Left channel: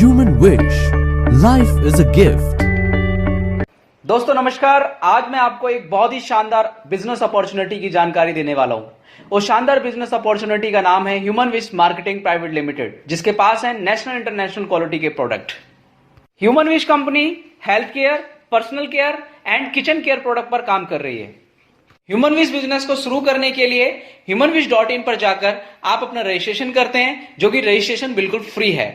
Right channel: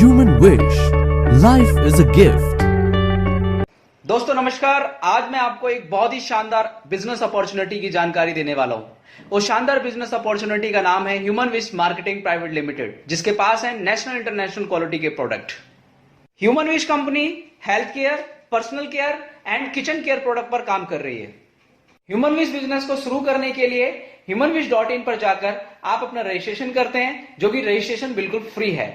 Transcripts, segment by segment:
Human Wish. Life is a gift. दोस्तों नमस्कार। आज मैं आपको एक बहुत ही शानदार बिजनेस अपॉर्चुनिटी की जानकारी देने वाला हूं। वो शानदार बिजनेस अपॉर्चुनिटी का नाम है human wish marketing private limited, जिसके पास है नेशनल इंटरनेशनल क्वालिटी के product. Human wish company health care, personal care and kitchen care product पर काम कर रही है। ह्यूमन विश बिजनेस को शुरू करने के लिए humanwish.in पर जाकर आप अपना रजिस्ट्रेशन करते हैं, जो कि रजिस्ट्रेशन बिल्कुल फ्री है।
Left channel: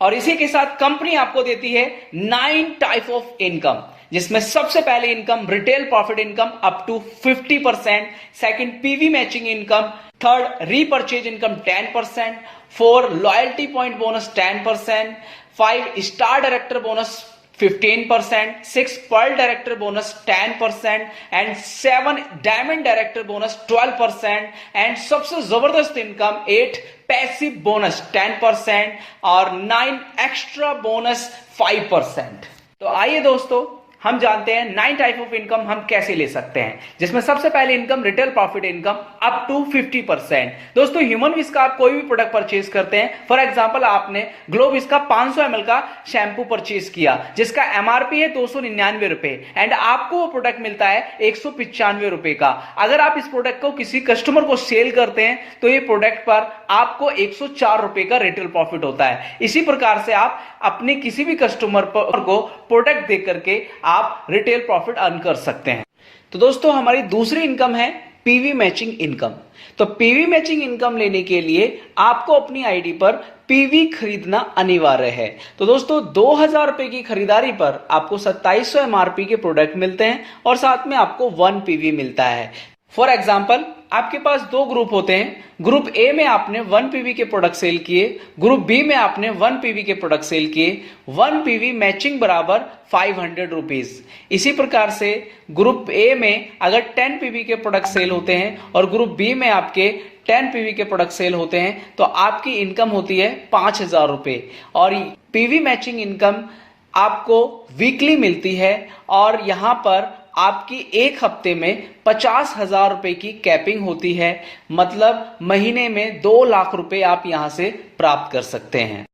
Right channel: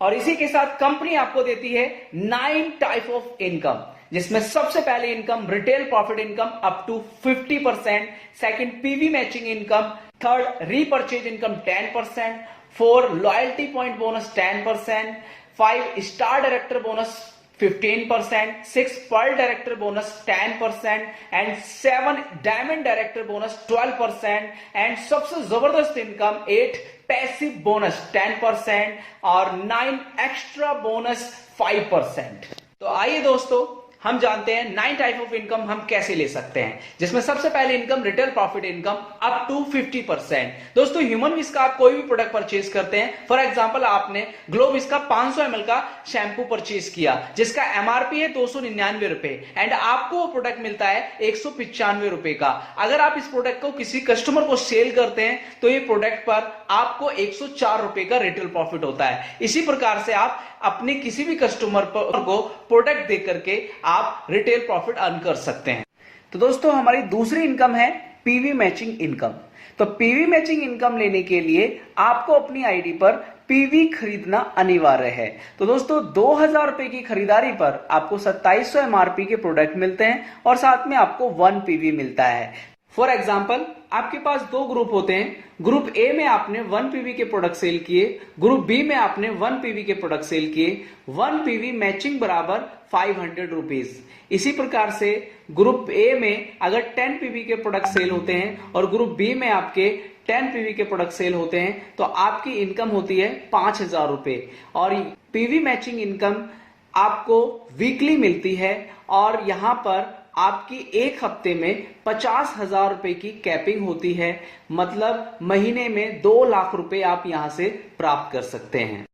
और इसी के साथ कंपनी आपको देती है 9 टाइप ऑफ इनकम, जिसमें सबसे पहले income retail profit income up to 50%, second PV matching income, third repurchase income 10%, 4 loyalty point bonus 10%, 5 star director bonus 15%, 6 pearl director bonus 10% and 7 diamond director bonus 12% and सबसे जबरदस्त income 8 passive bonus 10% और 9 extra bonus 5%। तो आइए दोस्तों हम जानते हैं 9 type of income हम कैसे ले सकते हैं, जिसमें सबसे पहले income retail profit income up to 50%। दोस्तों ह्यूमन विश का आप कोई भी प्रोडक्ट परचेज करते हैं, फॉर एग्जांपल आपने ग्लोविस का 500 ml का शैंपू परचेज किया, जिसका एमआरपी है 299 रुपए एंड आपको वो प्रोडक्ट मिलता है 195 रुपए का। अगर आप इस प्रोडक्ट को किसी कस्टमर को सेल करते हैं तो ये प्रोडक्ट पर आपको 104 रुपए का रिटेल प्रॉफिट होता है। इसी प्रकार से आप अपने किसी भी कस्टमर को प्रोडक्ट दे करके आप रिटेल प्रॉफिट अर्न कर सकते हैं। तो दोस्तों हमारी दूसरी इनकम है पीवी मैचिंग इनकम। तो पीवी मैचिंग इनकम लेने के लिए आपको अपनी आईडी पर पीवी खरीदना अनिवार्य है। तो दोस्तों 2000 रुपए की खरीदारी पर आपको 2700 एमआरपी के प्रोडक्ट मिलते हैं और साथ में आपको 1 पीवी मिलता है। फॉर एग्जाम्पल आपके पास 2 ग्रुप होते हैं। ग्रुप ए में आपने 1 पीवी के प्रोडक्ट सेल किए, ग्रुप बी में आपने 1 पीवी के प्रोडक्ट सेल किए। 1 पीवी मैचिंग बराबर 500 रुपीज। इसी प्रकार से ग्रुप ए में अगर 10 पीवी के प्रोडक्ट सेल होते हैं और ग्रुप बी में आपके 10 पीवी के प्रोडक्ट सेल होते हैं तो आपकी इनकम होती है 5000 रुपए। और पीवी मैचिंग इनकम आपको वीकली मिलती है और यहां पर आपकी एक हफ्ते में 50,000 रुपए की कैपिंग होती है, मतलब महीने में 2 लाख रुपए आप यहां से प्राप्त कर सकते हैं।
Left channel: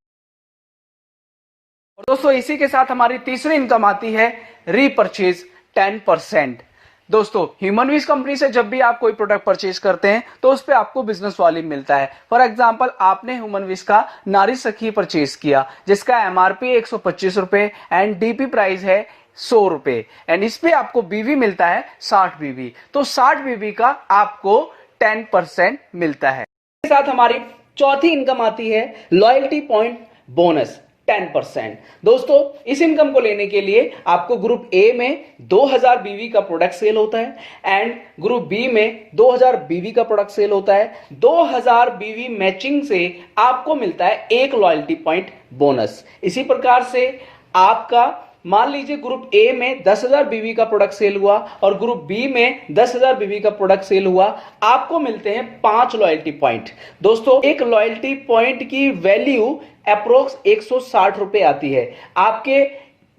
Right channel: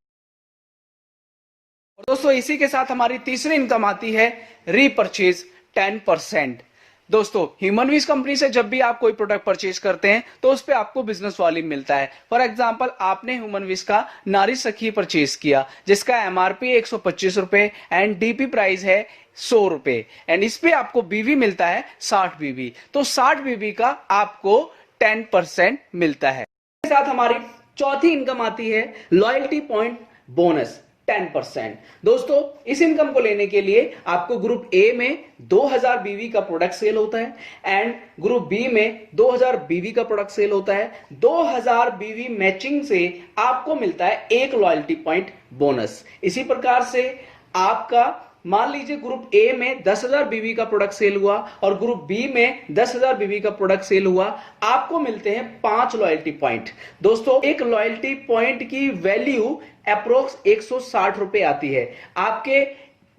और दोस्तों इसी के साथ हमारी तीसरी इनकम आती है रीपर्चेज 10%। दोस्तों ह्यूमन विश कंपनी से जब भी आप कोई प्रोडक्ट परचेज करते हैं तो उस पे आपको बिजनेस वॉल्यूम मिलता है। फॉर एग्जांपल आपने ह्यूमन विश का नारी सखी परचेज किया, जिसका एमआरपी 125 रुपए एंड डीपी प्राइस है 100 रुपए एंड इस पे आपको बीवी मिलता है 60 बीवी। तो 60 बीवी का आपको 10% मिलता है। इसके साथ हमारी चौथी इनकम आती है लॉयल्टी पॉइंट बोनस 10%। दोस्तों इस इनकम को लेने के लिए आपको ग्रुप ए में 2000 बीवी का प्रोडक्ट सेल होता है एंड ग्रुप बी में 2000 बीवी का प्रोडक्ट सेल होता है। 2000 बीवी मैचिंग से आपको मिलता है 1 लॉयल्टी पॉइंट बोनस। इसी प्रकार से आपका मान लीजिए ग्रुप ए में 10,000 बीवी का प्रोडक्ट सेल हुआ और ग्रुप बी में 10,000 बीवी का प्रोडक्ट सेल हुआ, आपको मिलते हैं 5 लॉयल्टी पॉइंट। दोस्तों एक लॉयल्टी पॉइंट की वैल्यू अप्रोक्स 160 रुपए आती है। आपके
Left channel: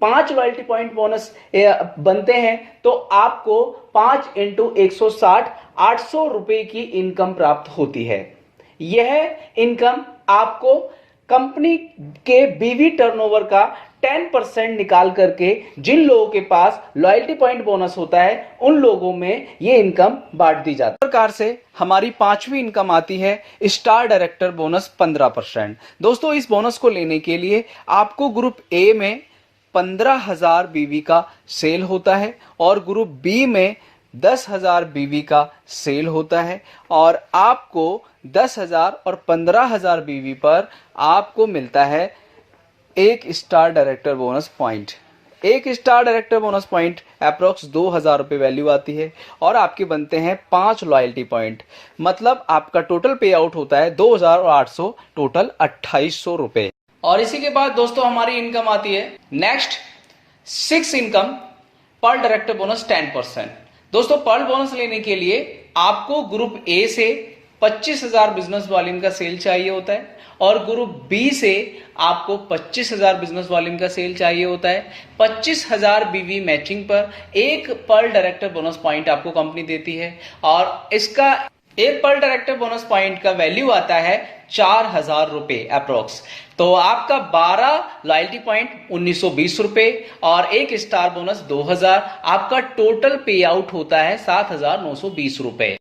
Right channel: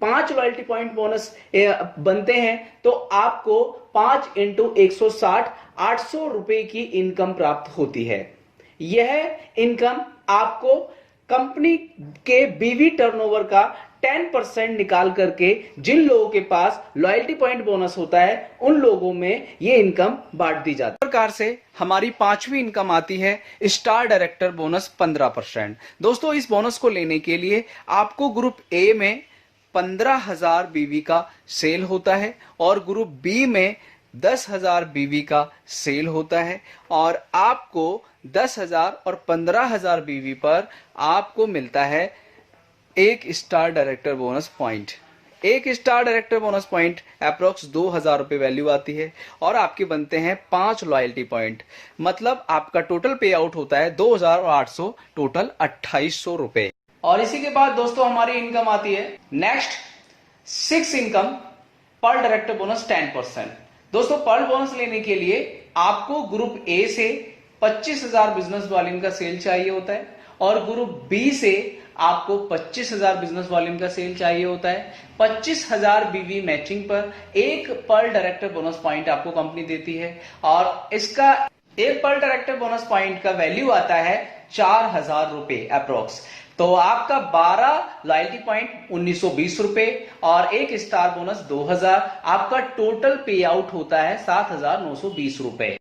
5 लॉयल्टी पॉइंट बोनस बनते हैं तो आपको 5 × 160 800 रुपए की इनकम प्राप्त होती है। यह इनकम आपको कंपनी के बीवी टर्नओवर का 10% निकाल करके जिन लोगों के पास लॉयल्टी पॉइंट बोनस होता है उन लोगों में ये इनकम बांट दी जाती है। इस प्रकार से हमारी पांचवी इनकम आती है स्टार डायरेक्टर बोनस 15%। दोस्तों इस बोनस को लेने के लिए आपको ग्रुप ए में 15,000 बीवी का सेल होता है और ग्रुप बी में 10,000 बीवी का सेल होता है और आपको 10,000 और 15,000 बीवी पर आपको मिलता है 1 star director bonus point. 1 star director bonus point approx 2000 रुपए वैल्यू आती है और आपके बनते हैं 5 लॉयल्टी पॉइंट, मतलब आपका टोटल पे आउट होता है 2800, टोटल 2800 रुपए। और इसी के बाद दोस्तों हमारी इनकम आती है next 6 income pearl director bonus 10%। दोस्तों पर्ल बोनस लेने के लिए आपको ग्रुप ए से 25,000 बिजनेस वॉल्यूम का सेल चाहिए होता है और ग्रुप बी से आपको 25,000 बिजनेस वॉल्यूम का सेल चाहिए होता है। 25,000 बीवी मैचिंग पर 1 पर्ल डायरेक्टर बोनस पॉइंट आपको कंपनी देती है और इसका 1 पर्ल डायरेक्टर बोनस पॉइंट का वैल्यू आता है 4,000 रुपए अप्रोक्स। तो आपका 12 लॉयल्टी पॉइंट 1920 रुपए और एक स्टार बोनस 2000, आपका टोटल पे आउट होता है 7920 रुपए।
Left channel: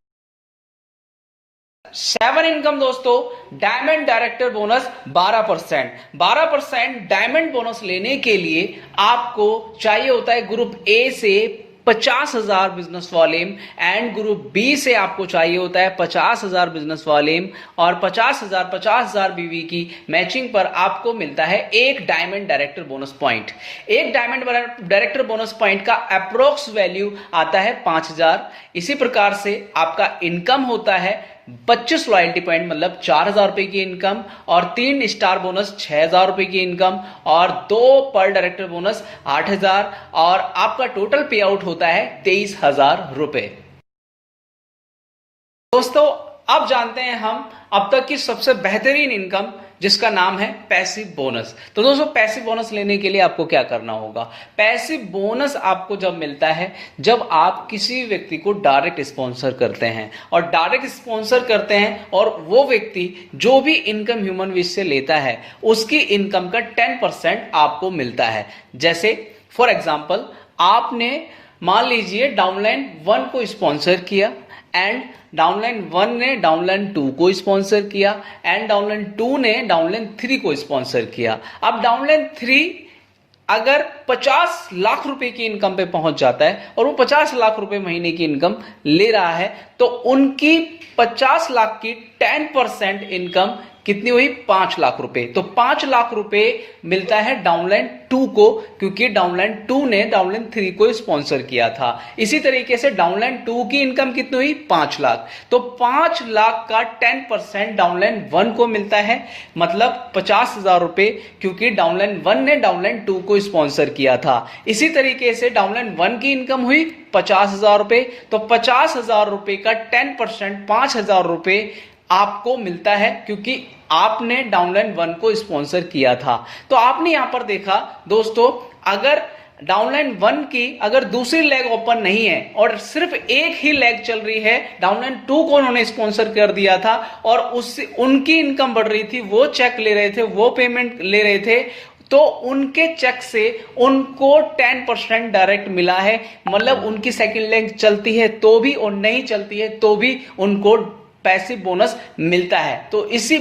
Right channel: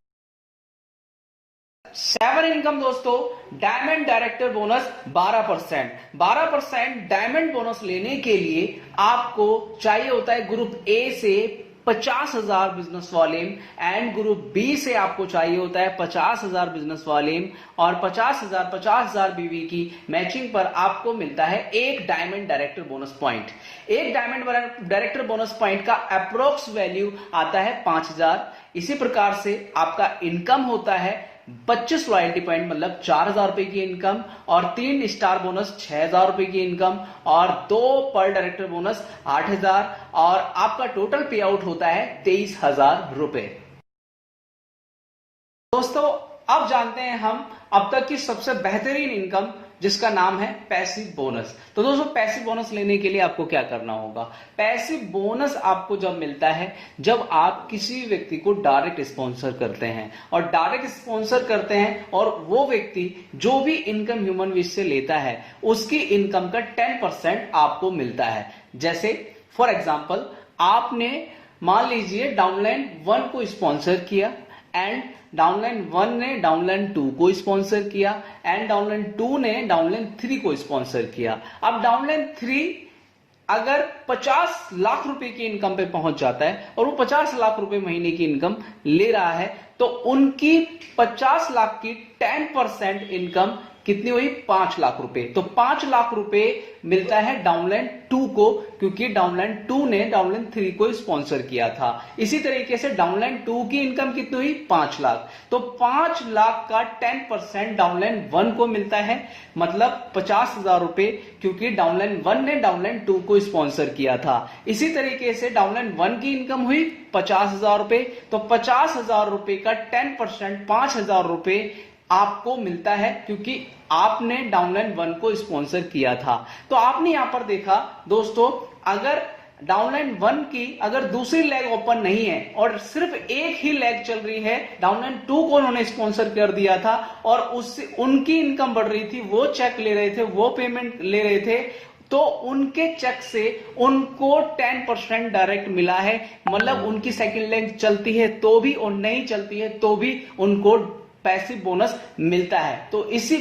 7 इनकम दोस्तों, diamond director bonus 12%। Diamond bonus लेने के लिए आपको चाहिए होता है ग्रुप ए से 50,000 business volume and group B से आपको चाहिए होता है 50,000 बिजनेस वॉल्यूम और 50,000 बीवी की मैचिंग पर आपको मिलता है एक डायमंड डायरेक्टर बोनस पॉइंट। एक डायमंड डायरेक्टर बोनस पॉइंट का अप्रोक्स वैल्यू आता है 5,000। इसी प्रकार से आपका इनकम होता है 25 लॉयल्टी पॉइंट मतलब 4,000 रुपए की इनकम और 3 स्टार बोनस 6,000 रुपए की इनकम और 2 पर डायरेक्टर बोनस 8,000 और आपका टोटल पे आउट होता है 23,000 रुपए। दोस्तों अब जानते हैं हम अब तक की सबसे बेहतरीन इनकम जिसका नाम है पैसिव बोनस। तो दोस्तों पैसिव बोनस लेने के लिए आपको क्या करना होगा? पैसिव बोनस आपको जब मिलता है जब आप किसी व्यक्ति को डायरेक्ट स्पॉन्सर करते हैं और डायरेक्ट स्पॉन्सर करते हैं और वो व्यक्ति जो भी इनकम ह्यूमन विश से लेता है उसकी इनकम का 10% आपको मिलता है। जैसे फॉर एग्जाम्पल आपने मान लीजिए डाउनलाइन 1 को स्पॉन्सर किया एंड डाउनलाइन 1 ने डाउनलाइन 2 को स्पॉन्सर किया एंड डाउनलाइन 2 ने डाउनलाइन 3 को स्पॉन्सर किया। अब डाउनलाइन 3 अगर 50 लाख रुपए की इनकम पे पहुंच जाता है और वो 50 लाख रुपए महीने की इनकम ले रहा है तो उनकी 50 लाख की 10% इनकम कितनी हुई? 5 लाख रुपए। तो 5 लाख रुपए मिलता है डाउनलाइन 2 को क्योंकि डाउनलाइन 2 ने डाउनलाइन 3 को स्पॉन्सर किया था। इसी तरीके से डाउनलाइन 2 की इनकम कितनी हुई? 5 लाख। तो 5 लाख का 10% डाउनलाइन 1 को मिलता है मतलब 50,000 रुपए क्योंकि डाउनलाइन 1 ने डाउनलाइन 2 को स्पॉन्सर किया था। इसी तरीके से डाउनलाइन 1 की इनकम हुई 50,000 रुपए। तो 50,000 रुपए का 10% 5,000 रुपए आपको मिलता है क्योंकि आपने डाउनलाइन 1 को स्पॉन्सर किया था। तो आपने यहां पर देखा दोस्तों अगर डाउनलाइन 1 की अगर दूसरी लेग ओपन नहीं है और सिर्फ एक ही लेग चल रही है, डाउनलाइन 2 को उन्होंने स्पॉन्सर कर दिया था और उससे उनकी इनकम बढ़ रही थी, वो चेक ले रहे थे, वो पेमेंट ले रहे थे, तो उनके चेक से उनको 10% डायरेक्ट मिला है। मतलब उनकी सेकंड लेग चलती है तो भी और नहीं चलती है तो भी उनको पैसिव बोनस मिलता है। तो इस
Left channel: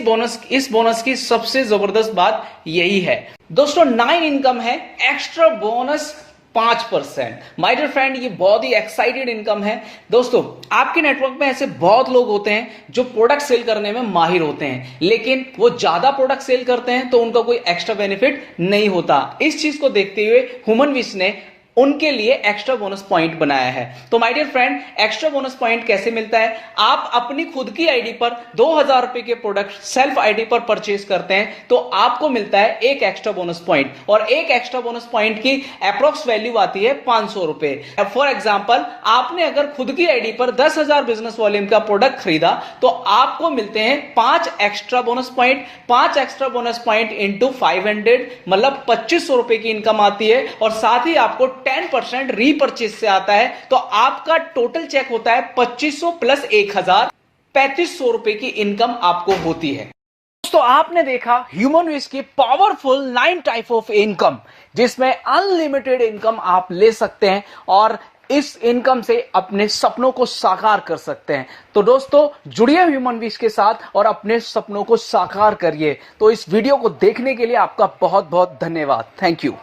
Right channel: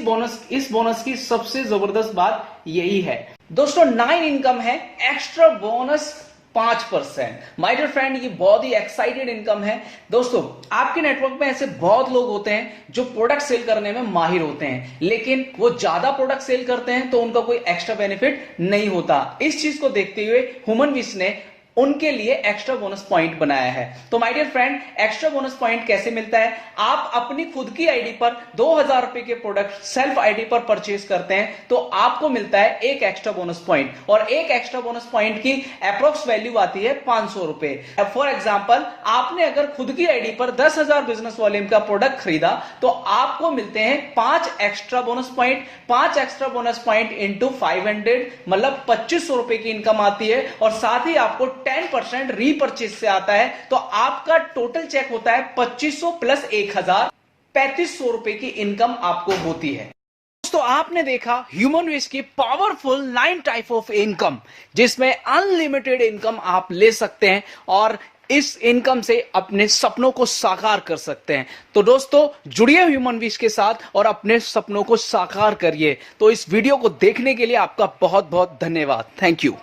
बोनस की सबसे जबरदस्त बात यही है। दोस्तों 9 इनकम है extra bonus 5%। My dear friend ये बहुत ही एक्साइटेड इनकम है। दोस्तों आपके नेटवर्क में ऐसे बहुत लोग होते हैं जो प्रोडक्ट सेल करने में माहिर होते हैं लेकिन वो ज्यादा प्रोडक्ट सेल करते हैं तो उनका कोई एक्स्ट्रा बेनिफिट नहीं होता। इस चीज को देखते हुए ह्यूमन विश ने उनके लिए एक्स्ट्रा बोनस पॉइंट बनाया है। तो my dear friend extra bonus point कैसे मिलता है? आप अपनी खुद की आईडी पर 2,000 रुपए के प्रोडक्ट सेल्फ आईडी पर परचेज करते हैं तो आपको मिलता है एक एक्स्ट्रा बोनस पॉइंट और एक एक्स्ट्रा बोनस पॉइंट की अप्रोक्स वैल्यू आती है 500 रुपए। फॉर एग्जाम्पल आपने अगर खुद की आईडी पर 10,000 बिजनेस वॉल्यूम का प्रोडक्ट खरीदा तो आपको मिलते हैं 5 extra bonus point. 5 extra bonus point into 500 मतलब 2,500 रुपए की इनकम आती है और साथ ही आपको 10% रीपरचेज से आता है। तो आपका टोटल चेक होता है 2,500 प्लस 1,000 3,500 रुपए की इनकम आपको होती है। दोस्तों आपने देखा ह्यूमन विश की पावरफुल 9 टाइप ऑफ इनकम जिसमें अनलिमिटेड इनकम आप ले सकते हैं और इस इनकम से अपने सपनों को साकार कर सकते हैं। तो दोस्तों जुड़िए ह्यूमन विश के साथ और अपने सपनों को साकार करिए। तो इस वीडियो को देखने के लिए आपका बहुत बहुत धन्यवाद। Thank you.